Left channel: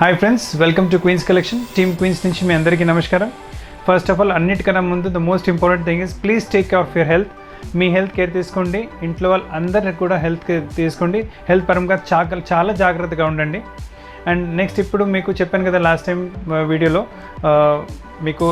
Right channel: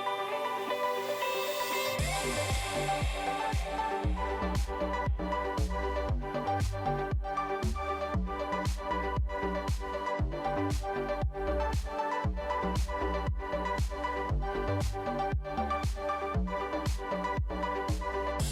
Hi friends, welcome to Queens Collection. Team Queens నుంచి మీ అందరికీ నమస్కారం. ఫస్ట్ ఆఫ్ ఆల్ అన్నిటికన్నా ముందు the most important thing is please take care of your health. మీ health care తీసుకోండి, ఇంట్లో వాళ్ళు అందరిని కూడా హెల్త్ కేర్ తీసుకోండి. హెల్త్ పరంగా చాలా జాగ్రత్తగా ఉండండి. అండ్ నెక్స్ట్ ఇప్పుడు మీకు చెప్పాను కదా లాస్ట్ టైం వీడియోలో మీకు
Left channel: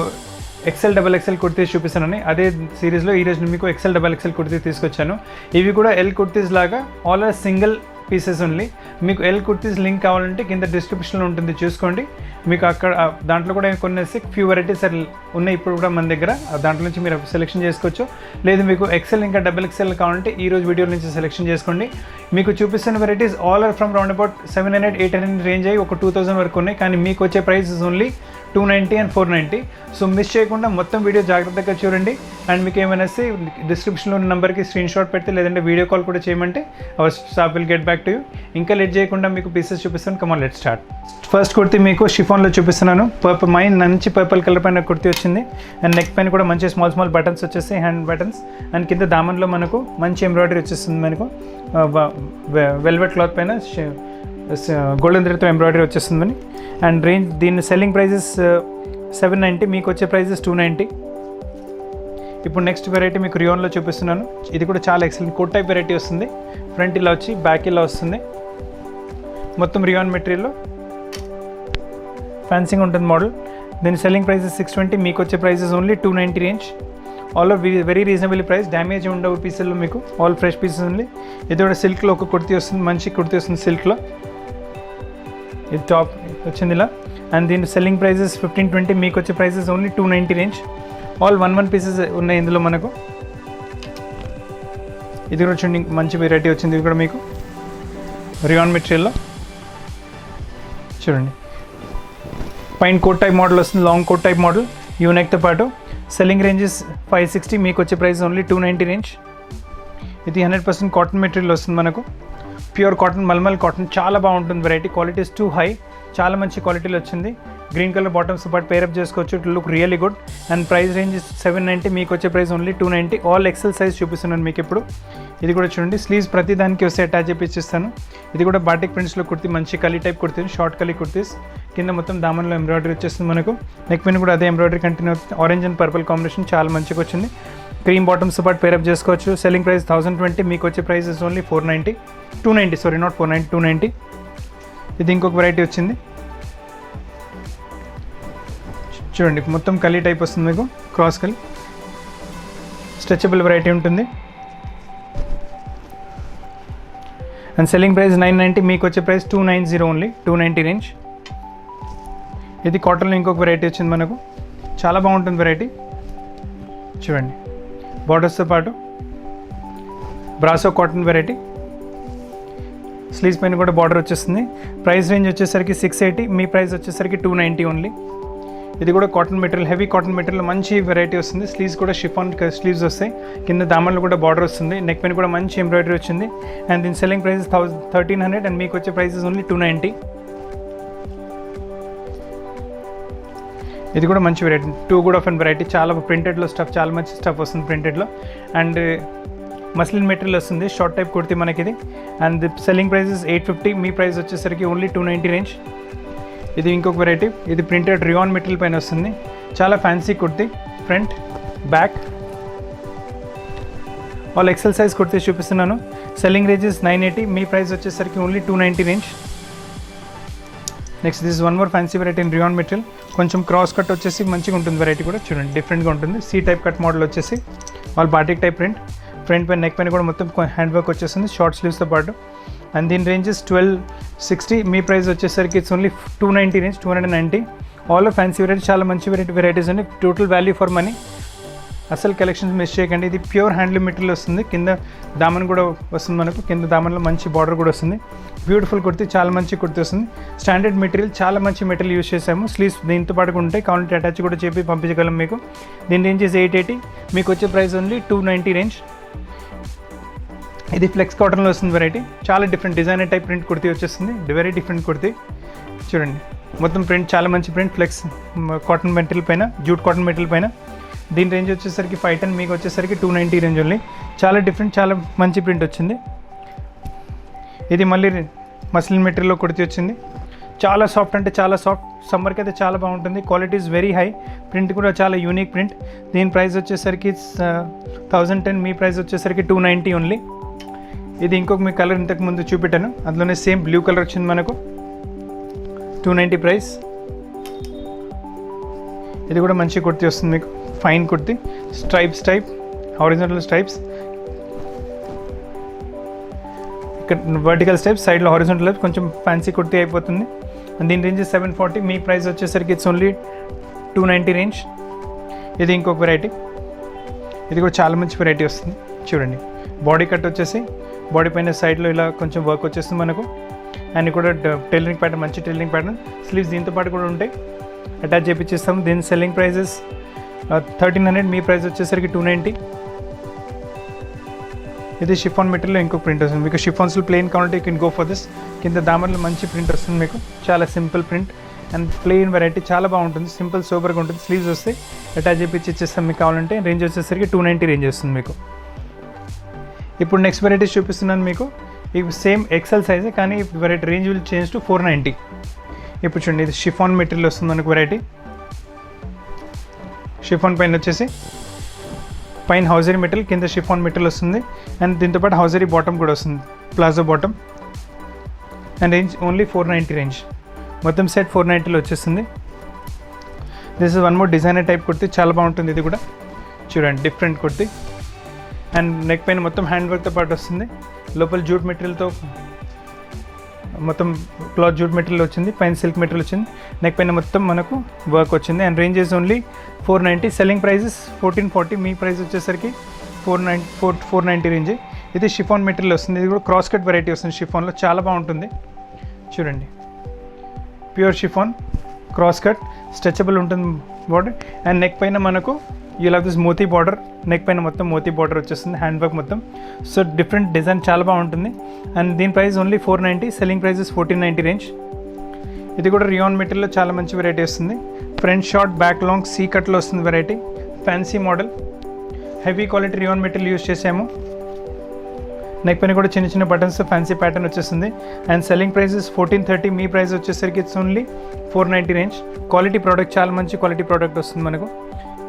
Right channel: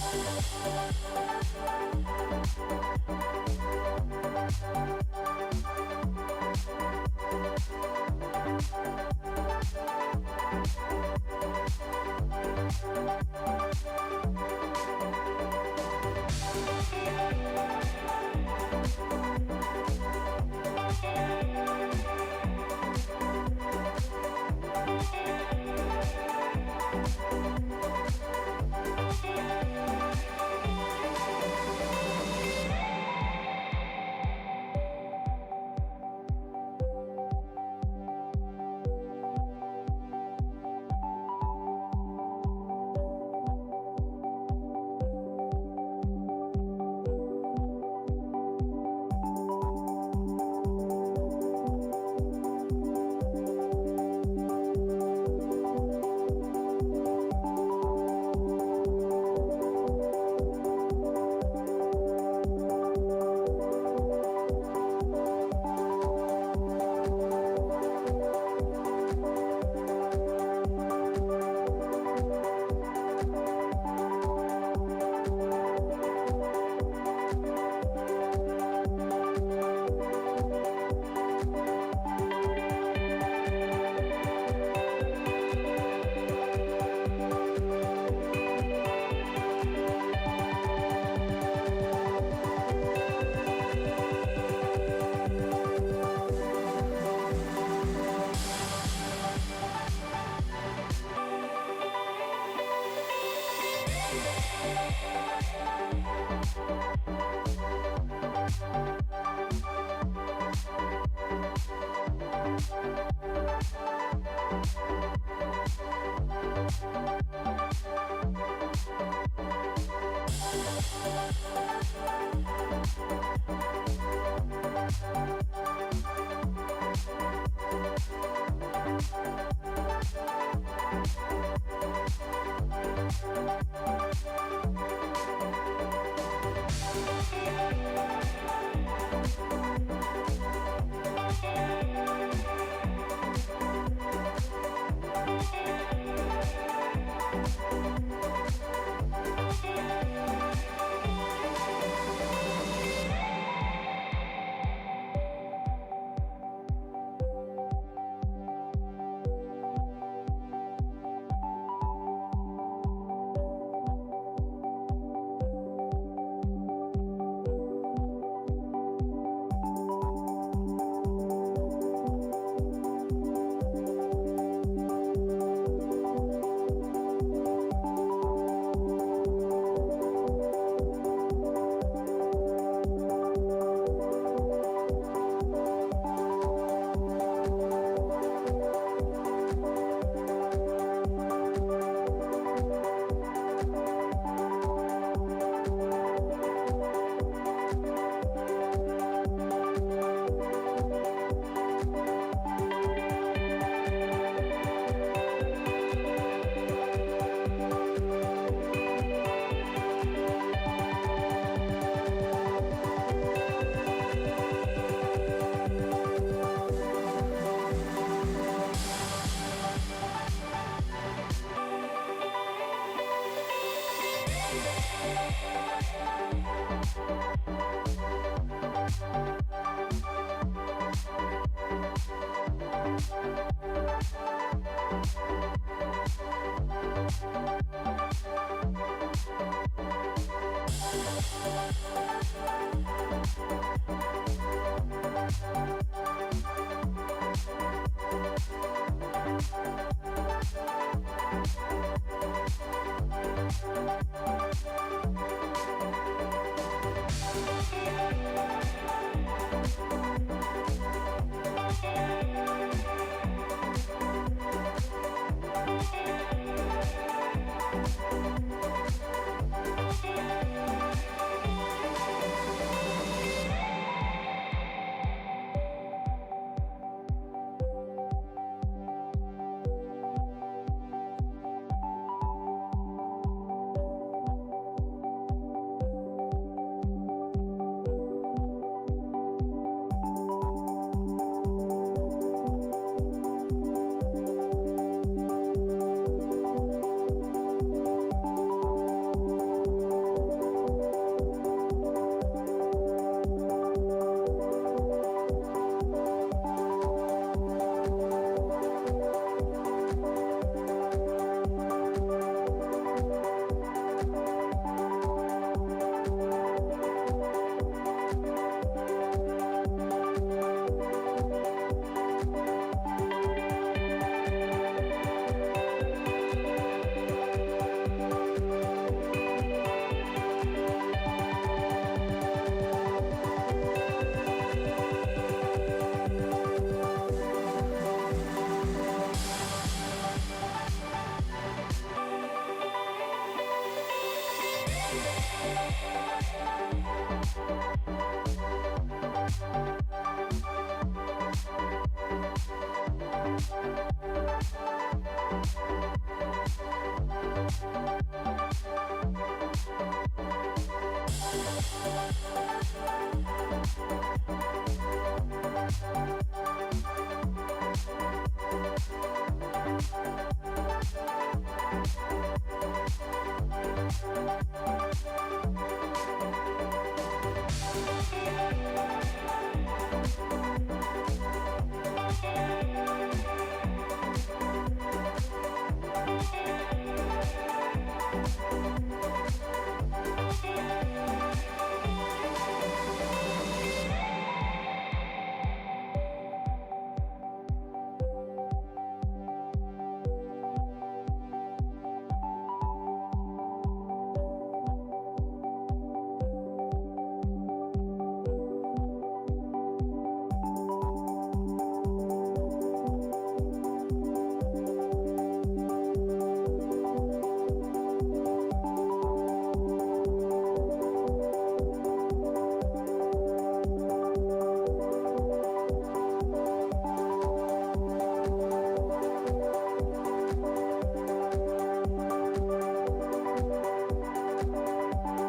XL కుర్తీస్ చూపిస్తానని, అదే సిరీస్లో ఈరోజు మీకు XL కుర్తీస్ తీసుకొచ్చాను. ఇవి కూడా ఎల్ కుర్తీస్ లాగా all are single pieces only. మీకు ఎల్ కుర్తీస్ లింక్ కావాలంటే కింద డిస్క్రిప్షన్లో ఉంటుంది, చూసుకోండి. మీకు అక్కడ దాంట్లో కూడా కొన్ని ఫ్యూ వెరైటీస్ ఉన్నాయి ఇప్పుడు కూడా మన దగ్గర, దాంట్లో నుంచి మీరు సెలెక్షన్ చేసుకోవచ్చు. లేదు మీకు XL ఇంకా XXL కావాలంటే ఈరోజు వీడియో నుంచి సెలెక్షన్ చేసుకోండి. మీకు చూపిస్తున్న varieties all are from round about 700-800 range అయ్యి ఒక 2000 వరకు ఉన్నాయి. కానీ మీకు వచ్చే prices only 290 and 490. So miss చేయకుండా మొత్తం వీడియో జాగ్రత్తగా చూడండి. అండ్ మీకు ఏమైనా డిస్క్రిప్షన్లో ఉన్న నెంబర్కి స్క్రీన్ షాట్ పెడితే, లేదంటే వీడియో కాల్ కూడా చేయమంటే our staff will get back to you. ఇంకా లేట్ చేయకుండా మీకు పీసెస్ చూపిస్తాను. Come on let start. First kurti మీకు షిఫాన్లో చూపిస్తున్నాను. మంచి పర్పుల్ కలర్ పైన కుర్తీ వచ్చింది. అండ్ నెక్ పైన కూడా మంచి స్మాల్ బటన్స్ వచ్చేసి హ్యాండ్ బటన్స్. అండ్ కింద దామన్లో మనకు మంచి ఎంబ్రాయిడరీ వచ్చేస్తుంది. మనకు వెల్వెట్ క్లాత్ పైన గోల్డెన్ థ్రెడ్తో ఎంబ్రాయిడరీ వచ్చేస్తుందని. అండ్ రేంజ్ దీని సెల్లింగ్ ప్రైజెస్ 790, మీకు వచ్చే ప్రైజెస్ 290. ఇప్పుడు నెక్స్ట్ వెరైటీ మీకు రియోన్లో చూపిస్తున్నాను. ఇది కూడా చాలా ఎక్సలెంట్ కోట్ టైప్ వెరైటీ వస్తుంది. ఫ్రంట్ ఇలా వచ్చి బ్యాక్ ఇలా వస్తుంది. మొత్తం రియాన్ మెటీరియల్లో ఫ్యాన్సింగ్ ఉంటుంది మోడల్. దీని సెల్లింగ్ ప్రైజెస్ 620, మీకు వచ్చే prices only 290 range. All are very reasonable price. Damage ఉండవు పీసులు, మీకు ఆల్ ఫ్రెష్ పీసెస్ ఉంది. ఇది కూడా సిల్క్లో ఒక కుర్తీ వస్తుంది, మంచి కుర్తీ వస్తుంది సిల్క్లో. ఇది టాప్ వచ్చింది ఇలా. అండ్ దీని సెల్లింగ్ ప్రైజెస్ 1520, మీకు వచ్చే prices only 290 range. All 1 pieces ఉన్నాయి ఇందులో మనకు. ఇది కూడా చూడండి, మంచి వెరైటీ వచ్చింది. ఇది కూడా మీకు రియాన్ మెటీరియల్లో చూడండి. పైన కోట్ టైప్ మోడల్ వస్తుంది, లాంగ్ కోట్ టైప్ మోడల్ యూనెక్తో పాటు. సెల్లింగ్ రేంజెస్ 560, మీకు వచ్చే ప్రైస్ ఓన్లీ 290 రేంజ్. ఇది 100% కాటన్ మెటీరియల్ వస్తుంది మనకు. ప్యూర్ కాటన్, మల్మల్ కాటన్, చాలా బాగుంటుంది వెరైటీ. క్వాలిటీస్ టూ హై, చాలా మంచి క్వాలిటీలో వచ్చింది. గ్రీన్ కలర్ బాటమ్స్ పాటు పేరప్ చేసుకోవచ్చు. It look really good. And price range 790, మీకు వచ్చే price only 290. All XL size చూపిస్తున్నాను మీకు ఇప్పుడు. ఇది కూడా చూడండి, స్లీవ్స్ ప్రతి దానికి వస్తే అటాచ్ చేపిస్తాను. ఇది కూడా బాటిక్ ప్రింట్స్లో కుర్తీ, మంచి కలీ టైప్ కుర్తీ, షార్ట్ కలీ కుర్తీస్. కింద మొత్తం దామన్లో ఎంబ్రాయిడరీ వచ్చేస్తుంది మనకు. నెక్ పైన కూడా అదే ఎంబ్రాయిడరీ కంటిన్యూ అవుతుంది. ఆరెంజ్ అండ్ పర్పుల్ కాంబినేషన్ చాలా మంచిగా వచ్చింది. క్రీమ్ బాటమ్స్ పాటు పేరప్ చేసుకోవచ్చు. సెల్లింగ్ ప్రైస్ 1020, మీకు వచ్చే ప్రైసెస్ ఓన్లీ 290 సారీ నాట్ 490, 290. ఇది ఇంకొక వెరైటీ వచ్చింది చూడండి, మొత్తం కలీ టైప్ వస్తుంది మీకు, క్రాస్ కలీ స్ట్రెచబుల్ వెరైటీ ఉంటుంది. అండ్ సెల్లింగ్ ప్రైస్ 990, మీకు వచ్చే ప్రైస్ 290 ఓన్లీ, 290 రేంజ్. ఇది కాటన్లో ఇంకొక వెరైటీ వచ్చింది మనకు, చాలా బాగుంటుంది వెరైటీ చూడండి. బార్డర్స్తో పాటు బ్రాసో కాటన్ వెరైటీ. స్లీవ్స్ పైన కూడా బార్డర్ వచ్చేస్తుంది. ప్రైస్ రేంజ్ వచ్చేసరికి 680, మీ ప్రైస్ వచ్చేసరికి 290 ఓన్లీ. ఇది కూడా cotton material, heavy cotton material, మంచి వెరైటీ వస్తుంది. స్లీవ్స్ కూడా షిఫాన్ స్లీవ్స్ వస్తాయి. కింద దామన్లో కూడా బార్డర్ వస్తుంది. నెక్ పైన కూడా మంచి ఎంబ్రాయిడరీ వచ్చింది. అండ్ దీని సెల్లింగ్ ప్రైసెస్ 1300, అండ్ మీకు వచ్చే ప్రైసెస్ ఓన్లీ 290. ఇది కూడా మంచి variety, too good of and variety. చాలా ప్రింటెడ్లో స్టఫ్, చాలా మంచి స్టఫ్ వస్తుంది ప్రింటెడ్లో. అండ్ మస్లిన్ మెటీరియల్ వస్తుంది, షార్ట్ టైప్ కుర్తీ మనకి ఇది. And selling prices 850, me price వచ్చేసరికి ఓన్లీ 290 రేంజ్. ఇది ఇంకొక వెరైటీ, ఇది ప్రింటెడ్ రియాన్ మెటీరియల్ పైన వస్తుంది. చాలా fancy kurti, front back all XL size kurtis చూపిస్తున్నాను. సెల్లింగ్ రేంజెస్ 980, మీ ప్రైస్ వచ్చేసరికి only 290 range. Next this one more fancy variety in rayon material. కొంచెం క్రాస్ కట్ వచ్చేసి మంచిగా ఉంటుంది వెరైటీ కూడా చూడండి, డిఫరెంట్గా ఉంటుంది. సి టైప్ కట్ మోడల్ వచ్చేసి all batik type print. Front పైన నెక్ పైన కూడా మొత్తం హ్యాండ్ వర్క్ వచ్చేస్తుంది, షార్ట్ స్లీవ్స్తో పాటు. అండ్ దీని రేంజెస్ 1260, మీ ప్రైస్ వచ్చేసరికి it's only 290 range, 290. All fancy variety, చాలా మంచి వెరైటీస్ ఉన్నాయి. Total value for money. అసలు కలెక్షన్స్ మిస్ చేయకండి. ఇది ప్యూర్ హ్యాండ్లూమ్ మెటీరియల్ వస్తుంది. కింద దామన్ కూడా వస్తుంది మనకు, కింద దామన్లో మంచి బార్డర్ కూడా వస్తుంది. బ్యూటిఫుల్ కుర్తీ, చాలా మంచి కుర్తీ వస్తుంది. స్టాండర్డ్ మెటీరియల్, చాలా మంచి మెటీరియల్ యూస్ చేసాము. స్లీవ్స్ దీంతో పాటు ఉంటాయి, కావాలంటే అటాచ్ కూడా చెప్పి పంపించగలం మీకు. దీని రేంజెస్ 880, మీకు వచ్చే ప్రైస్ ఓన్లీ 290 రేంజ్. ఇది ఫ్లెక్స్ కాటన్లో వస్తుంది వెరైటీ, చాలా different designer type print kurti వచ్చేస్తుంది. వెరీ డిఫరెంట్ కుర్తీ చూడండి, మొత్తం ప్రింట్ చాలా మంచి ప్రింట్, ఫ్లెక్స్ కాటన్ మెటీరియల్ పైన, జూట్ కాటన్ మెటీరియల్ పైన. దీని రేంజ్ వచ్చేసరికి 510, మీకు వచ్చేసరికి 290 రేంజ్ ఓన్లీ. చాలా డిఫరెంట్, చాలా మంచి ప్రింట్ వచ్చింది. ఇది మళ్ళీ మస్లిన్ మెటీరియల్లో కుర్తీ వచ్చింది. చాలా సాఫ్ట్ అంటే చాలా సాఫ్ట్, సమ్మర్కి అయితే చాలా బాగుంటుంది. Quality is very high, print కూడా చాలా యూనిక్ ప్రింట్. దీని ప్రైస్ వచ్చేసరికి 1010, మీ ప్రైస్ వచ్చేసరికి 290 ఓన్లీ. ఇది ఇంకొక మీ కలర్ ఇంతకు ముందు చూపెట్టాను, అందులోనే సేమ్ బ్లూ కలర్ వచ్చింది మనకు, 290 ప్రైస్. ఇది కూడా మంచి కుర్తీ వస్తుంది మీకు, fine kurti, stripes type, horizontal stripes, ఇక్కడ వర్టికల్ స్టైప్స్, సైడ్లో హారిజాంటల్ స్టైప్స్, కొంచెం ఫ్యాన్సీ కుర్తీ అయిపోతుంది. అండ్ దీని రేంజ్ 740, మీ ప్రైస్ వచ్చేసరికి ఇట్స్ ఓన్లీ 290 రేంజ్. ఇది ఇంకొక వెరైటీ, ఇది కూడా చాలా మంచి వెరైటీ వస్తుంది చూడండి. బాడీ కట్ వచ్చేసి బాడీ పైన సైడ్లో ఇలా కొంచెం వర్క్ వచ్చేస్తుంది మనకు, అండ్ కూడా టైలరింగ్ ప్యాటర్న్, మంచి టైలరింగ్ ప్యాటర్న్. స్లీవ్స్ దీంతో పాటు కూడా ఉంటాయి, అటాచ్ చేయించేస్తాం. దీని సెల్లింగ్ ప్రైజెస్ 1300, మీ ప్రైస్ వచ్చేసరికి 290. ఇది షిఫాన్ మెటీరియల్ ఇంకో ప్రింట్ వస్తుంది మీకు. షిఫాన్స్లో ప్లెయిన్ కావాలంటే you can go for this. కింద దామన్లో మంచి ప్రింట్ వస్తుంది మీకు, చాలా simple print and plain variety, చాలా బాగుంటుంది, సింపుల్ సూపర్గా ఉంటుంది. స్లీవ్స్ వస్తే అటాచ్ చేయించి ఇచ్చేస్తాం మీకు కావాలంటే. రేంజ్ వచ్చేసరికి 290 రేంజ్ వస్తుంది మీకు. ఇప్పుడు నెక్స్ట్ వెరైటీస్ చూపిస్తున్నాను మీకు. ఇవి సేమ్ ఎక్సెల్ సైజే, కానీ variety range will change to 490. ఇప్పుడు చూడండి, ఇది షిఫాన్ మెటీరియల్ వస్తుంది మనకు వెరైటీ. షిఫాన్ పైన వచ్చేసి పైన హౌజరీ మెటీరియల్, కింద షిఫాన్ మెటీరియల్ వస్తుంది. అండ్ దీంతోపాటు హౌజరీ బాటమ్ కూడా వస్తుంది, palazzo bottom. And range only 490 range. మొత్తం సెట్ 490లో వచ్చేస్తుంది. This is one more designer type kurti, చాలా బాగుంటుంది. ఇది కూడా చూడండి, డిఫరెంట్ కుర్తీ. అండ్ నెక్ పైన మొత్తం హ్యాండ్ వర్క్తో పాటు వస్తుంది. లోపల జూట్ మెటీరియల్తో మొత్తం క్లాత్ జూట్ మెటీరియల్ వచ్చింది, పైన సిల్క్ మెటీరియల్ వచ్చింది. నెక్ పైన మొత్తం మనకు వర్క్ వచ్చింది. And ranges only 490. Selling prices 1440, మీ ప్రైస్ వచ్చేసరికి 490 రేంజ్. ఇది షిఫాన్ మెటీరియల్ వస్తుంది. ఇది కూడా క్రాస్ కట్ వెరైటీ వస్తుంది షిఫాన్లో, చాలా బాగుంటుంది చూడండి. Pure chiffon cross cut, stretchable ఉంటుంది బార్డర్. అండ్ నెక్ పైన మనకు ఇలా దిస్ మోతీ బార్డర్, నెక్ పైన మొత్తం మోతీ బార్డర్ వచ్చేస్తుంది, హ్యాండ్ వర్క్ మొత్తం. సో డిఫరెంట్ డిజైన్, చాలా బాగుంటుంది. అండ్ దీని price only 490, selling prices 1490 range. ఇది కూడా రియాన్ మెటీరియల్లో చాలా మంచి వెరైటీ వస్తుంది. Front short, back long, C కట్లో వస్తుంది variety, fancy model. Heavy quality rayon material use చేసాము. నెక్ పైన కూడా చిన్న చిన్న బటన్స్, ఫ్యాన్సీ ప్యాటర్న్ వచ్చేస్తుంది. అండ్ సెల్లింగ్ ప్రైసెస్ 1430, మీ ప్రైస్ వచ్చేసరికి it's only 490 range. Quality product, చాలా మంచి క్వాలిటీ ప్రోడక్ట్ వస్తుంది మనకు.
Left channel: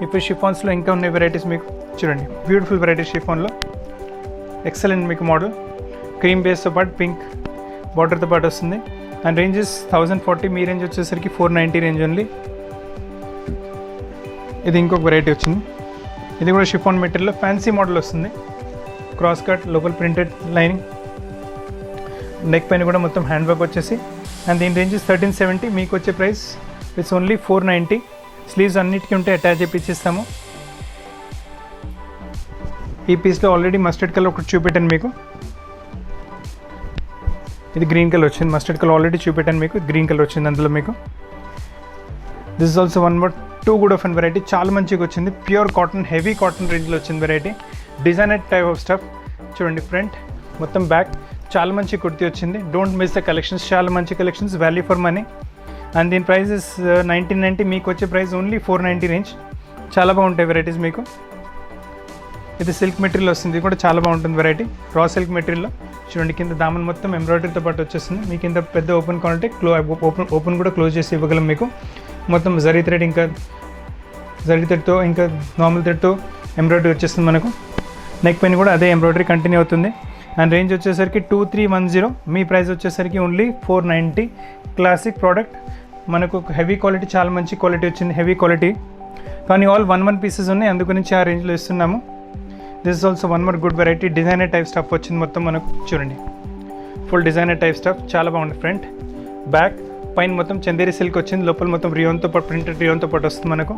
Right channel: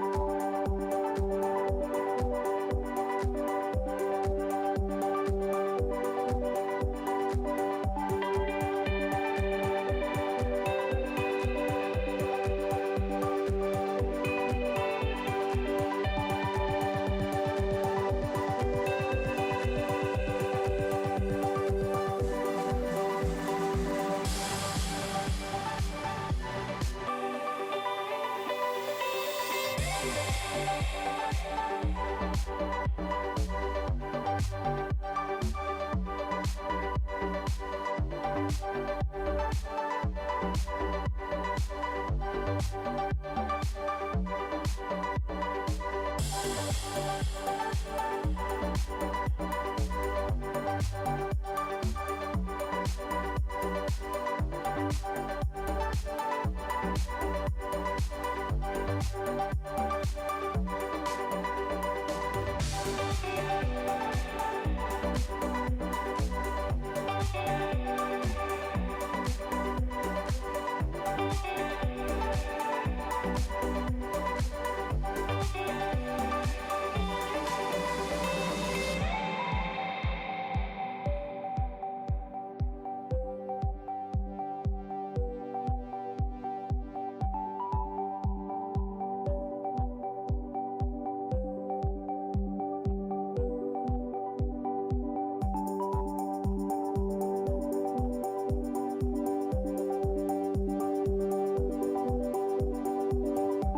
ఇప్పుడు షిఫాన్స్లో ఇంకా ఉన్నాయి వెరైటీస్ మీకు చూడండి. బ్యూటిఫుల్ వెరైటీ షిఫాన్లో, ఎక్సలెంట్ మీకు మోడల్. క్రీమ్ బేస్తో పాటు పింక్ బార్డర్తో పాటు వస్తుంది. అండ్ రేంజెస్ 1040, మీ రేంజ్ వచ్చేసరికి 490 రేంజ్ ఓన్లీ. ఇది ఇంకొక వెరైటీ వచ్చింది. ఇది కూడా షిఫాన్ మెటీరియల్లో ఫ్యాన్సీ మోడల్ వస్తుంది. క్రాస్ కట్, లోపల ప్రింటెడ్ లైనింగ్, నెక్ పైన కూడా మొత్తం హ్యాండ్ వర్క్ వచ్చేసి. అండ్ దీని రేంజెస్ 1370, మీకు వచ్చే ప్రైస్ ఇట్స్ ఓన్లీ 490. స్లీవ్స్ అన్నిటికీ ఉంటే అటాచ్ చేయించేస్తాము. ఈ పీస్లో ఆల్రెడీ మస్టర్డ్ కలర్ ఒకటి చూపెట్టాను మీకు, ఇది గ్రీన్ కలర్ వచ్చింది. మస్టర్డ్ కలర్ ఆల్రెడీ చూపెట్టాను మీకు, గ్రీన్ కలర్ వచ్చింది అందులో మీకు. This is also one more too good of and variety, చాలా మంచిగా వచ్చింది. ప్యూర్ కాటన్, హెవీ కాటన్ రేంజ్లో వచ్చింది variety. Designer type of stuff చూడండి. ఫ్రంట్ మొత్తం, బ్యాక్, చాలా మంచి కుర్తీ వచ్చింది. డోంట్ మిస్ ద కలెక్షన్స్, చాలా మంచి collections, value for money. And దీని ప్రైజెస్ 1990, మీకు వచ్చే ప్రైస్ ఓన్లీ 490 రేంజ్. చాలా బాగుంటాయి వెరైటీస్ మీకు. ఇది సిల్క్ మెటీరియల్ వస్తుంది, ఇది కూడా చాలా బాగుంటుంది వెరైటీ, రా సిల్క్ మెటీరియల్లో చూడండి. కింద దామన్ మొత్తం ఎంబ్రాయిడరీతో పాటు వచ్చేస్తుంది. మీ కింద పెద్ద ఓపెన్ కావాలంటే ఓపెన్ కూడా క్లోజ్ చేసి ఇవ్వగలం మీకు. మొత్తం జరీ థ్రెడ్, ఇంకా జరీ థ్రెడ్తో, ఇంకా నార్మల్ థ్రెడ్తో ఎంబ్రాయిడరీ వచ్చేస్తుంది మనకు. నెక్ పైన కూడా అదే ఎంబ్రాయిడరీ కంటిన్యూ అవుతుంది. అండ్ రేంజ్ వచ్చేసరికి 2310, మీ ప్రైస్ వచ్చేసరికి ఓన్లీ 490. క్లాసిక్ ప్రోడక్ట్ మనకు, హెవీ క్వాలిటీ, చాలా మంచి క్వాలిటీ వచ్చింది, హెవీ క్వాలిటీ. కానీ ఆల్ 1 పీసెస్ ఉన్నాయి, అందుగురించి ఆ రేంజ్లో ఇస్తున్నాము. This is also one more good variety. Designer type stuff వచ్చింది మొత్తం మనకు చూడండి. ఫుల్ డిజైనర్ టైప్ స్టఫ్, చాలా బాగుంది. ఫ్రంట్, బ్యాక్, పైన మొత్తం చందేరి సిల్క్ వచ్చింది, లోపల మొత్తం రియోన్తో పాటు, ప్రింటెడ్ రియోన్తో పాటు వస్తుంది మనకు.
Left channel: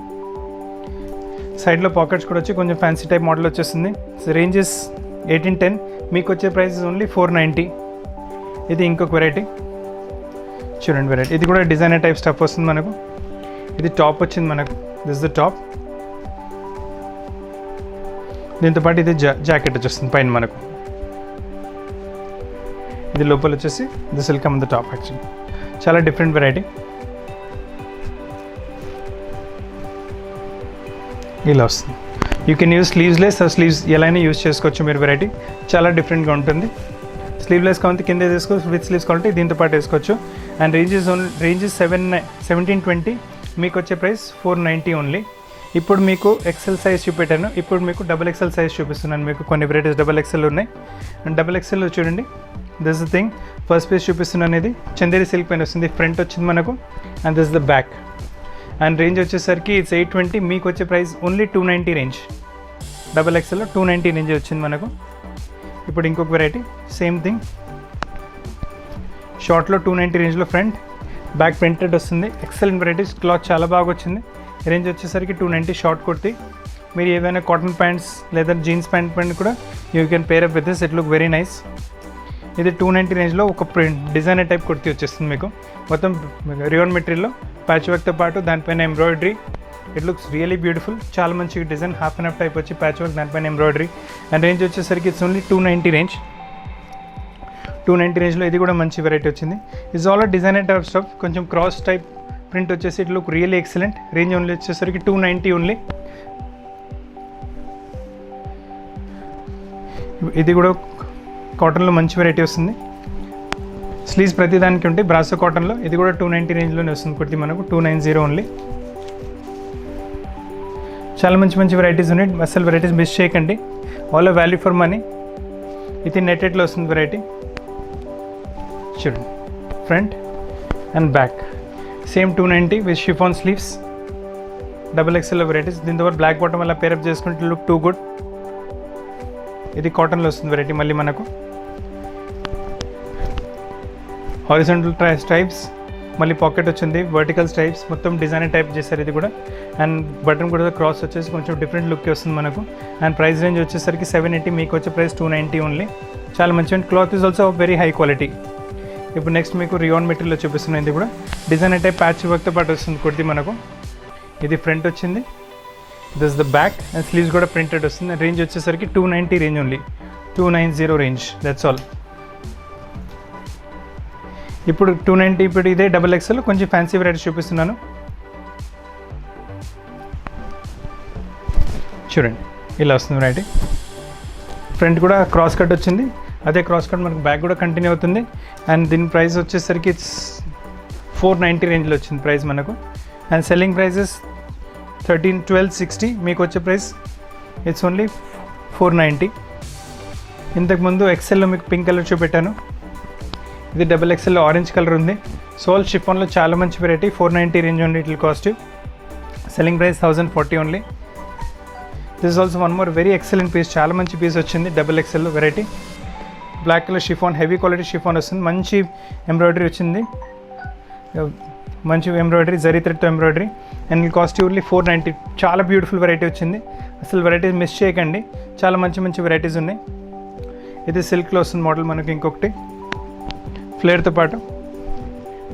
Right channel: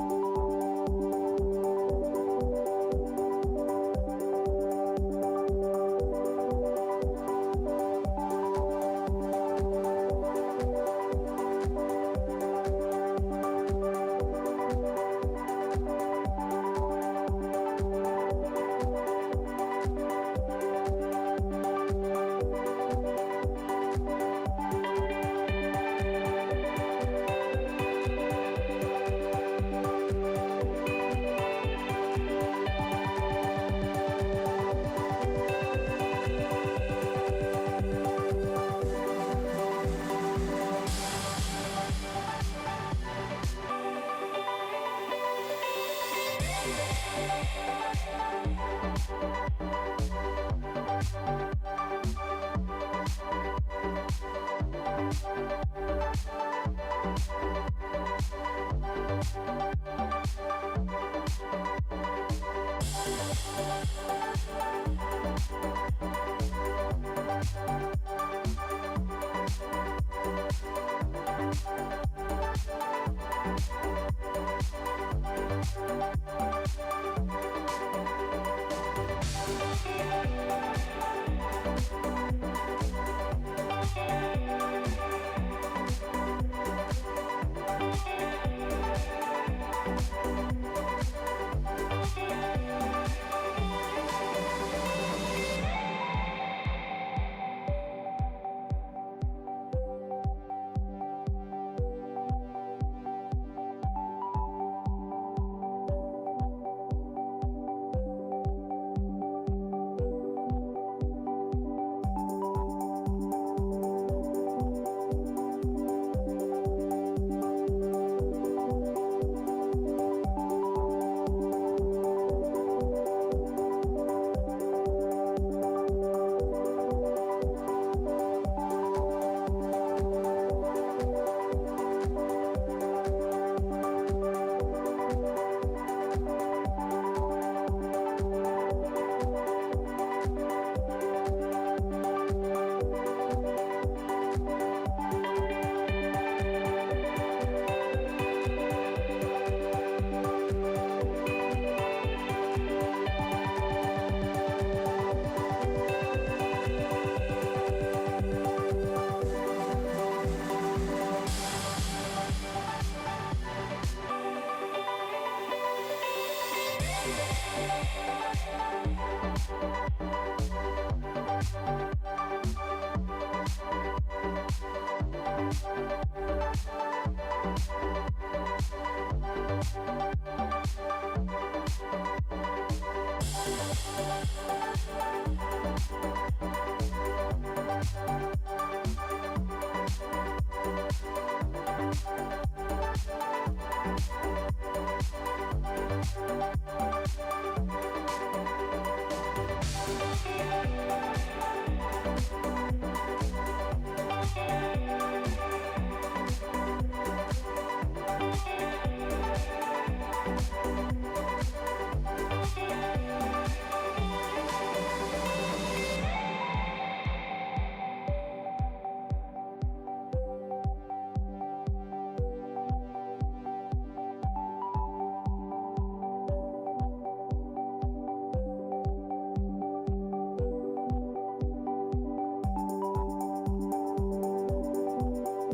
సైడ్లో పాకెట్స్ కూడా వచ్చి కొంచెం ఫ్యాన్సీ టైప్ మోడల్ వచ్చేస్తుంది. రేంజెస్ 1810, మీకు వచ్చే ప్రైస్ ఓన్లీ 490. ఇది ఇంకొక వెరైటీ చూడండి వెరైటీ, ఇది కూడా డిజైనర్ టైప్ స్టఫ్ వస్తుంది మనకు. ఇది టాప్ వచ్చింది మనకు, దిస్ ద టాప్. దీంతో పాటు ఇది జాకెట్ వచ్చేస్తుంది పైన మనకు. ఇది లోపల వచ్చేసి this will come the top. Actually చాలా డిఫరెంట్ వెరైటీ. ఇలా వస్తుంది. You can use sleeveless, sleeves ఎలా అయినా యూజ్ చేసుకోవచ్చు మీరు. వెరైటీ చాలా డిఫరెంట్గా ఉంటుంది. స్లీవ్లెస్ కావాలంటే కింద వేసుకోవచ్చు, విత్ స్లీవ్స్ కావాలంటే దీంతో పాటు వేసుకోవచ్చు. అండ్ రేంజ్ 1720, మీకు వచ్చే ప్రైస్ 490 ఓన్లీ. ఇప్పుడు మీకు ఎక్సెల్ సైజ్ చూపెట్టాను, ఇప్పుడు మీకు డబుల్ ఎక్సెల్ సైజ్ చూపిస్తున్నాను. మీకు కొన్ని వెరైటీస్ డబుల్ ఎక్సెల్ ఉన్నాయి. అండ్ డబుల్ ఎక్సెల్ చూడండి, this the thing. First piece చూపిస్తున్నాను, ఇది చందేరి సిల్క్ పైన వస్తుంది, ఫ్రంట్ వచ్చింది మనకు, and this the back. And range వచ్చేసరికి ఇట్స్ 820, మీకు వచ్చే ప్రైస్ ఓన్లీ 290 రేంజ్. డబుల్ ఎక్సెల్లో 290 రేంజ్ వచ్చింది మనకు. ఇప్పుడు ఇంకొక వెరైటీ సేమ్ థింగ్, షార్ట్లో 290 రేంజ్లో ఫ్రంట్ బ్యాక్ ప్రింటెడ్ వస్తుంది. ఎక్సలెంట్ వెరైటీస్, క్లాత్ చాలా బాగా వచ్చింది. రేంజ్ వచ్చేసరికి 290 షార్ట్ కుర్తీ. మీరు ఏదైనా కాటన్ ప్యాంట్స్ లేదా జీన్స్ ప్యాంట్ కూడా you can pair up with this, it look very nice. ఇది 290 రేంజ్లో ఒక ప్రింట్ డిజైనర్ టైప్ కుర్తీ వచ్చేస్తుంది మీకు. మొత్తం రియాన్ మెటీరియల్లో ప్యాచ్ వర్క్తో పాటు దానిపైన embroidery. It looks really beautiful, చాలా మంచి design, half and half type వచ్చి ప్యాచ్ వర్క్, దానిపైన ఎంబ్రాయిడరీ. అండ్ రేంజ్ వచ్చేసరికి ఇట్స్ ఓన్లీ 290 రేంజ్. 290 రేంజ్లో ఇది కూడా మంచి వెరైటీ వచ్చింది. It's all designer type stuff, కొంచెం క్రాస్ టైప్ ప్రింట్ వచ్చేసి it look really excellent. Range only వచ్చేసరికి 290 ఓన్లీ. ఇది కూడా కాటన్లో మంచి వెరైటీ వస్తుంది. స్లీవ్స్ ప్రతిదానికి ఉంటాయి బ్రాసో కాటన్లో. ఇది కూడా 290 రేంజ్లోనే వస్తుంది కుర్తి మనకు, 290 ఓన్లీ. చాలా మంచి మంచి వెరైటీస్ ఉన్నాయి, అసలు వెరైటీస్ మిస్ చేయకండి. All value for money. ఇది నెట్టెడ్లో వస్తుంది వెరైటీ, చూడండి front and back same 290 with chiffon sleeves. Double XL varieties, దీంతో బ్లాక్ బాటమ్ అలా పేరప్ చేసుకుంటే లుక్ టూ గుడ్. ఇది కాటన్లో వస్తుంది వెరైటీ మళ్ళీ మనకు. హారిజాంటల్ స్ట్రైప్స్, మళ్ళీ పాకెట్ వచ్చింది, వర్టికల్ స్ట్రైప్స్, మొత్తం డిజైనర్ టైప్ చేశారు ఇది కూడా. అండ్ బటన్ కూడా క్రాస్ వచ్చేసి కొంచెం డిఫరెంట్ లుక్ వస్తుంది మనకు. అండ్ ప్రైస్ రేంజ్ వచ్చేసరికి 780, మీకు వచ్చే ప్రైస్ 290 ఓన్లీ. చాలా మంచి cloth is also very high quality. ఇప్పుడు నెక్స్ట్ మీకు రియాన్ మెటీరియల్లో చూపిస్తున్నాయి. ఇది కూడా డిజైనర్ టైప్ ప్యాచ్ వర్క్తో పాటు వస్తుంది కుర్తి మనకు. ఇది ఫ్రంట్ వచ్చింది, this the back, and sleeves కూడా ప్రింటెడ్ వస్తుంది. రేంజ్ వచ్చేసరికి 290 range only, 290 range, that's all. ఇప్పుడు 290, ఇప్పుడు ఇదే డబుల్ ఎక్స్ఎల్ కొంచెం ఫ్యాన్సీ వెరైటీ చూపిస్తున్నాను. చూడండి ఇలా వస్తుంది వెరైటీ. ఫ్రంట్ కూడా క్రాస్ కట్ వచ్చింది, అదే క్రాస్ కట్ మనకు బ్యాక్ కూడా కంటిన్యూ అవుతుంది. అండ్ దీని ప్రైస్ వచ్చేసరికి 490 రేంజ్లో వచ్చింది ప్రైస్ మనకు. అండ్ సెల్లింగ్ ప్రైజెస్ 1260, మీకు వచ్చే ప్రైస్ ఇట్స్ ఓన్లీ 490. ఇంతకుముందు ఎక్సెల్లో మీకు పింక్ కలర్ చూపెట్టాను, ఇది డబుల్ ఎక్సెల్లో ఆరెంజ్ కలర్ ఉంది. సోల్ షిఫాన్లో చాలా మంచి వెరైటీ, 490 రేంజ్ ఓన్లీ ఇట్లా cost. Selling price 1040 only. This is also one more very excellent piece, చాలా మంచి పీస్ వచ్చింది డబుల్ ఎక్సెల్లో variety. Black colour chiffon, heavy quality chiffon వస్తుంది, మంచి ఎంబ్రాయిడరీ వచ్చింది, మంచి ఎంబ్రాయిడరీ, జరీ థ్రెడ్తో ఎంబ్రాయిడరీ. అండ్ ఈ కాస్ట్ ఓన్లీ 490. చాలా బ్యూటిఫుల్ వెరైటీ వచ్చింది, అసలు వెరైటీస్ మిస్ చేయకండి, చాలా మంచి మంచి వెరైటీస్ ఉన్నాయి. ఇది సిల్క్లో వస్తుంది మోడల్ మనకి. ఇంకొకటి ఫ్లేర్తో పాటు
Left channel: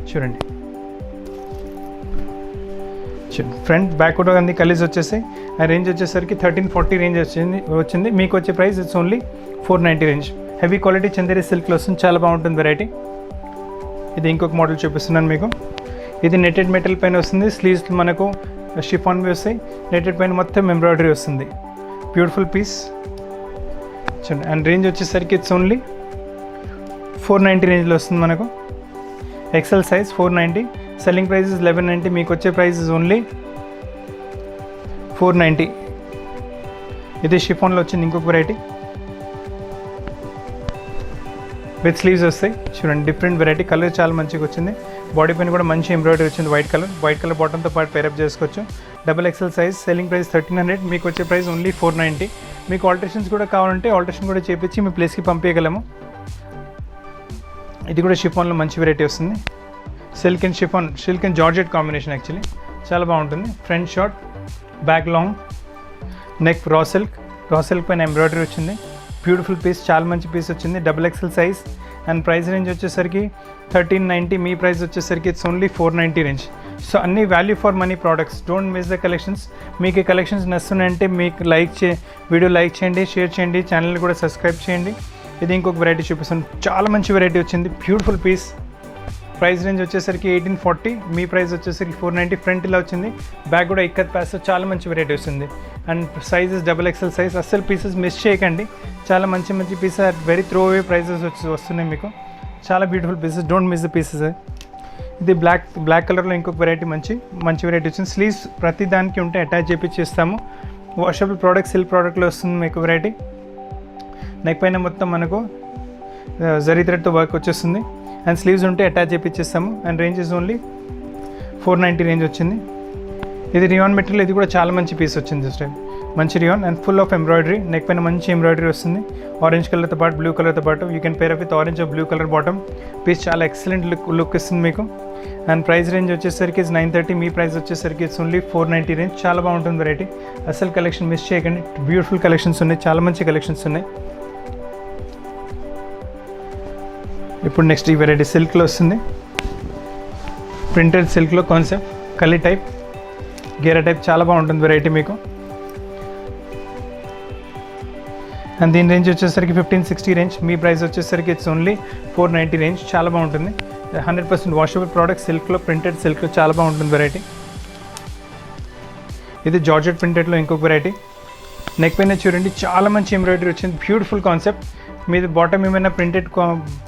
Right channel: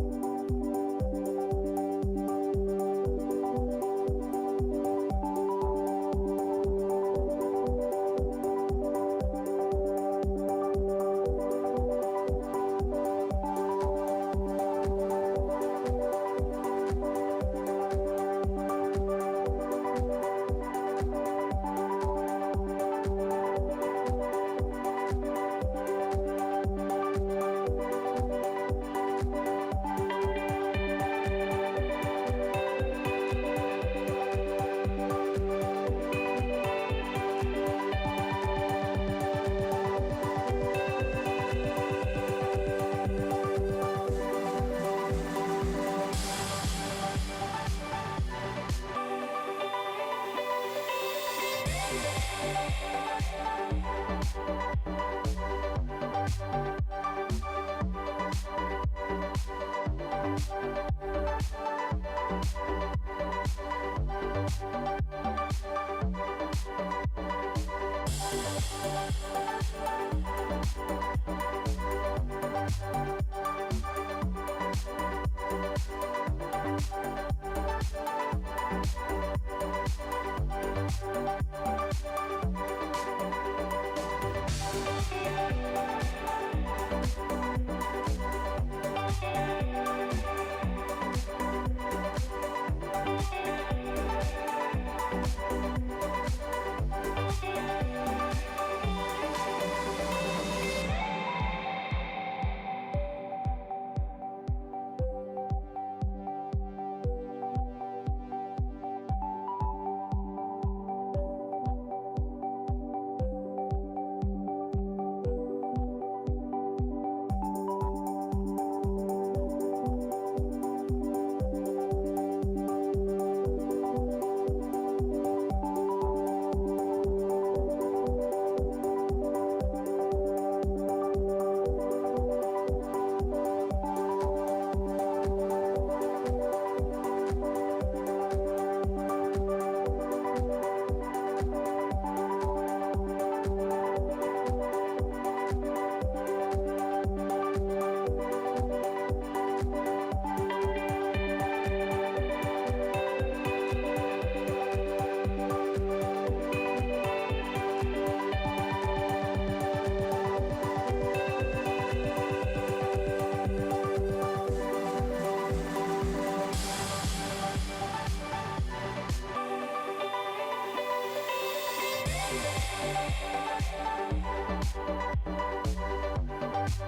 చూడండి, ఫ్రంట్ బ్యాక్ కూడా అన్ని కలీజ్ వచ్చేసాయి. ఆ రేంజ్ వచ్చేసరికి 1340 రేంజ్ వచ్చింది. మీకు వచ్చే price it's only 490 range. Heavy quality Chanderi సిల్క్లో వస్తుంది, చాలా బాగుంటుంది వెరైటీ. ఇది ఇంకొక మోడల్ చూపిస్తున్నాను మీకు. ఇది నెట్టెడ్ మెటల్ పైన వస్తుంది, స్లీవ్స్ మనకు షిఫాన్వి వస్తాయి, నెట్టెడ్ పైన మొత్తం ఎంబ్రాయిడరీ వస్తుంది, బ్యూటిఫుల్ పీస్. చూడండి. అండ్ రేంజ్ వచ్చేసరికి ఇట్స్ ఓన్లీ 490 రేంజ్లో వస్తుంది మనకు. ఎక్సెల్ సైజ్ 490, సెల్లింగ్ ప్రైస్ 1190, మీకు వచ్చే ప్రైస్ ఓన్లీ 490. ఇది షిఫాన్లో వచ్చింది ఇంకొక వెరైటీ విత్ స్లీవ్స్ వస్తాయి. చూడండి డిఫరెంట్ వెరైటీ, కలర్ చాలా మంచిగా వచ్చింది. బాడీ పైన కూడా మంచి ఎంబ్రాయిడరీ వచ్చింది, వైట్ కలర్ బాటంతో పాటు పేరప్ చేసుకోవచ్చు. Double XL size, selling price 1300, మీకు వచ్చే ప్రైస్ ఓన్లీ 490. మీకు ఆల్టరేషన్స్ కూడా కావాలంటే ఆల్టరేషన్ కూడా చేపించి మీ ప్లేస్కి పంపించగలము. ఇది కూడా షిఫాన్లో మంచి వెరైటీ వస్తుంది, silk and georgette combination, actually చాలా బాగుంటుంది. Front short, back long, neck raw silk పైన ఎంబ్రాయిడరీ వచ్చింది, బ్యూటిఫుల్ పీస్, చాలా మంచి పీస్ వచ్చింది. Double XL size. And price range వచ్చేసరికి 1390, మీ ప్రైస్ వచ్చేసరికి ఇట్స్ ఓన్లీ 490 రేంజ్. సో అన్ని value for money products, don't miss the collections. మీకు ఈ కలెక్షన్స్ నచ్చుతున్నాయంటే మీకు వీడియో లైక్ చేయండి, షేర్ చేయండి, ఛానల్ కూడా సబ్స్క్రైబ్ చేయండి. ఇది ఇంకొక వెరైటీ చూపిస్తాను, చాలా మంచి వెరైటీ వచ్చింది, బ్యూటిఫుల్ పీస్. ప్రైస్ రేంజ్ వచ్చేసరికి 1840, మీ ప్రైస్ వచ్చేసరికి 490. ఫ్రంట్ ఇలా వచ్చింది, బ్యాక్ కూడా ఇక్కత్ ప్యాస్, చాలా మంచి వెరైటీ వస్తుంది. And sizes double XL size, అస్సలు పీసెస్ మిస్ చేయకండి, చాలా మంచి మంచి pieces very throw away prices వస్తున్నాయి మీకు, చాలా beautiful pieces, don't miss the pieces. ఇది బ్లాక్ కలర్లో ఇంకొక వెరైటీ మంచి వెరైటీ వచ్చింది. స్లీవ్స్ ప్రతి దానికి ఉంటే అటాచ్ చేపిస్తాము. వాషబుల్ ప్రోడక్ట్, సిల్క్ ప్రోడక్ట్లో వస్తుంది మీకు వెరైటీ. నెక్ పైన మొత్తం మనకు జరీ థ్రెడ్తో వర్క్ వచ్చేస్తుంది అండ్ స్లీవ్స్ ఉంటే అటాచ్ చేపిస్తాము. And range is only 490 range వచ్చింది. ఇది రియాన్ మెటీరియల్, ఇది కూడా చాలా మంచి పీస్ వచ్చింది దిస్ టైం. మంచి rayon and full of embroidery. Neck పైన మంచి ఎంబ్రాయిడరీ వస్తుంది ఆరెంజ్ కలర్తో పాటు, బ్లూ కలర్తో పాటు. You can pair up with orange or blue colour bottom. Piece చాలా ఎక్సలెంట్ లుక్ ఇస్తుంది మీకు. అండ్ ప్రైస్ రేంజ్ వచ్చేసరికి 930, మీ ప్రైస్ వచ్చేసరికి ఇట్స్ ఓన్లీ 490 రేంజ్. చాలా బాగుంటుంది వెరైటీ. అసలు కలెక్షన్ మిస్ చేయకండి. బ్యూటిఫుల్ కలెక్షన్స్ ఉన్నాయి, చాలా మంచి కలెక్షన్స్ ఉన్నాయి. ఇప్పుడు నెక్స్ట్ ఈ వెరైటీ సిల్క్లో వస్తుంది. ప్రింటెడ్ సిల్క్లో కాన్సెప్ట్, కలీ టైప్, గేరా టైప్, చాలా బాగుంటుంది వెరైటీ మీకు. అండ్ దీని రేంజ్ వచ్చేసరికి 1560 రేంజ్. మీ ప్రైస్ వచ్చేసరికి ఇట్స్ ఓన్లీ 490 రేంజ్. చాలా బాగుంటుంది. 100% వాషబుల్ ప్రోడక్ట్, సిల్క్లో, ప్రింటెడ్ సిల్క్లో చాలా బాగుంటుంది వెరైటీ. ఇది జార్జెట్ ప్రింటెడ్లో ఇంకొక వెరైటీ. నెక్ పైన చూడండి చాలా మంచి ఎంబ్రాయిడరీ వచ్చింది. Beautiful concept. మీది బాటమ్ ఏమైనా ప్రింటెడ్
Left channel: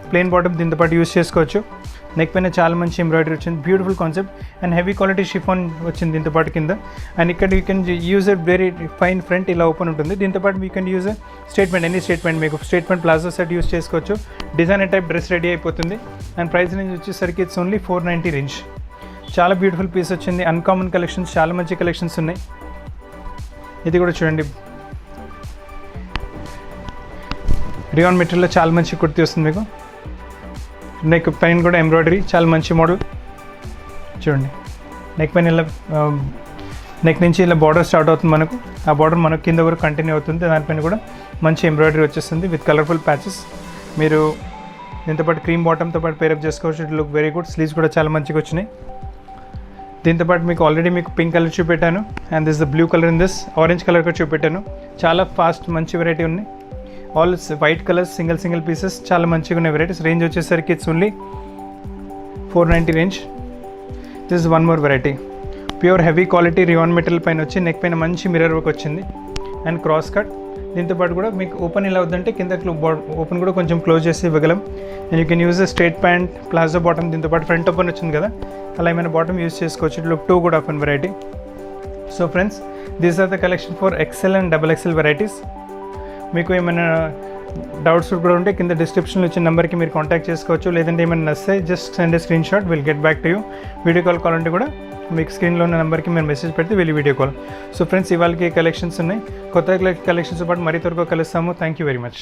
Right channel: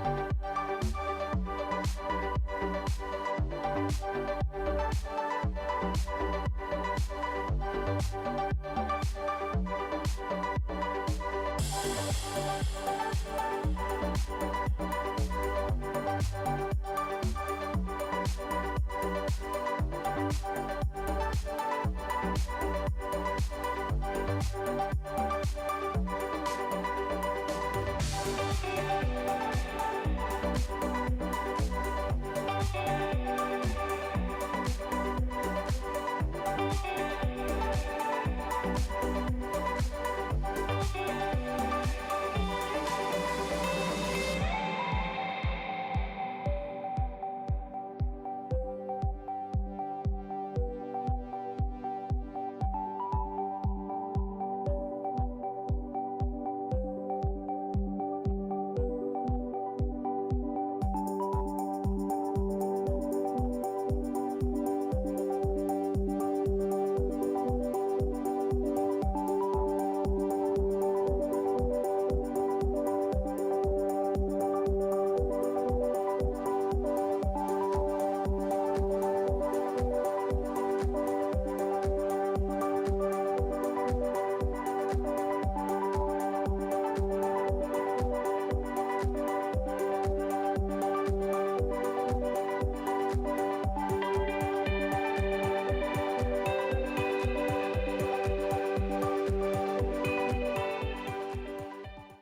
ప్లెయిన్ బాటమ్ దీంతో పాటు యూస్ చేసుకోవచ్చు. నెక్ పైన చాలా మంచి ఎంబ్రాయిడరీ వచ్చింది. Beautiful concept and heavy quality chiffon వచ్చింది దీంతో పాటు కింద. అండ్ ఇక్కడ you can use a very fine front, ఇలా ఓపెన్ ఉంటుంది. దీంతో పాటు you can use statement, any statement, మీకు స్టేట్మెంట్ ప్లాజో సెట్ యూస్ చేసుకోవచ్చు. డిజైనర్ టైప్ డ్రెస్ రెడీ అయిపోతుంది. అండ్ ప్రైస్ రేంజ్ వచ్చేసరికి ఇట్స్ ఓన్లీ 490 రేంజ్. చాలా బ్యూటిఫుల్ పీస్ వచ్చింది. అన్కామన్ కలెక్షన్స్, చాలా మంచి కలెక్షన్స్ ఉన్నాయి. ఇది కూడా చూడండి, రియాన్ మెటీరియల్లో చాలా మంచి కుర్తీ వస్తుంది మీకు. నెక్ పైన కూడా ఎంబ్రాయిడరీ, చాలా మంచి మోడల్. చూడండి నెక్ పైన ఇలా నెక్ నుంచి ఇలా బార్డర్ స్టార్ట్ అవుతుంది మనకు. ఆ బార్డర్ మనకు కింద వరకు కంటిన్యూ అవుతుంది. దానిపైన కూడా మంచి ఎంబ్రాయిడరీ వచ్చేస్తుంది విత్ కలర్ఫుల్ ప్యాచెస్. మీరు దీంతోపాటు క్రీమ్ బాటమ్తో పాటు పేరప్ చేసుకోవచ్చు. It look very good. Sleeves కూడా చాలా మంచిగా వచ్చినాయి. దీంతోపాటు మీకు ఆల్రెడీ మీకు పింక్ కలర్ చూపెట్టాను and this the blue colour in this orange colour కూడా చూపెట్టాను. చాలా ఫాస్ట్ మంచి వెరైటీ ఉన్నాయి. All white colours, single pieces, చాలా మంచిగా ఉన్నాయి వెరైటీస్. రేంజ్ వచ్చేసరికి it's only 490 range. This is one more variety. Pure heavy quality rayon material పైన వచ్చి నెక్ పైన మంచి మిర్రర్ వర్క్ వచ్చింది అండ్ క్రాస్ కట్. దీంతోపాటు కూడా మీకు ఓపెన్ ఎలా అవుతుందంటే కింద ఓపెన్ కూడా కొంచెం క్లోజ్ చేసి ఇవ్వగలం. And you can use straight pant, palazzo bottom. దీంతోపాటు ఫ్రంట్ ఓపెన్ వచ్చింది కదా, అలా ఏమైనా బాటమ్ యూజ్ చేసుకోవచ్చు. ఇట్ లుక్ 2 కూడా open variety. So friends, these are the collection for XL and XXL varieties. మీకు ఏమైనా డౌట్స్ కూడా ఉంటే కింద డిస్క్రిప్షన్లో ఇచ్చిన నెంబర్కి మీరు కాంటాక్ట్ చేసుకోవచ్చు. లేదంటే ఏమైనా నచ్చితే just send A screen shot, will get back to you. Video call కావాలంటే కూడా మీకు స్క్రీన్లో ఉన్న నెంబర్కి మీరు మెసేజ్ పెడితే వెళ్ళి వీడియో కాల్. సో ఫ్రెండ్స్, ఇవాళకి కలెక్షన్స్ ఉన్నాయి. కొత్త కలెక్షన్స్ పాటు మరీ త్వరగా కలుస్తాము. Thank you very much.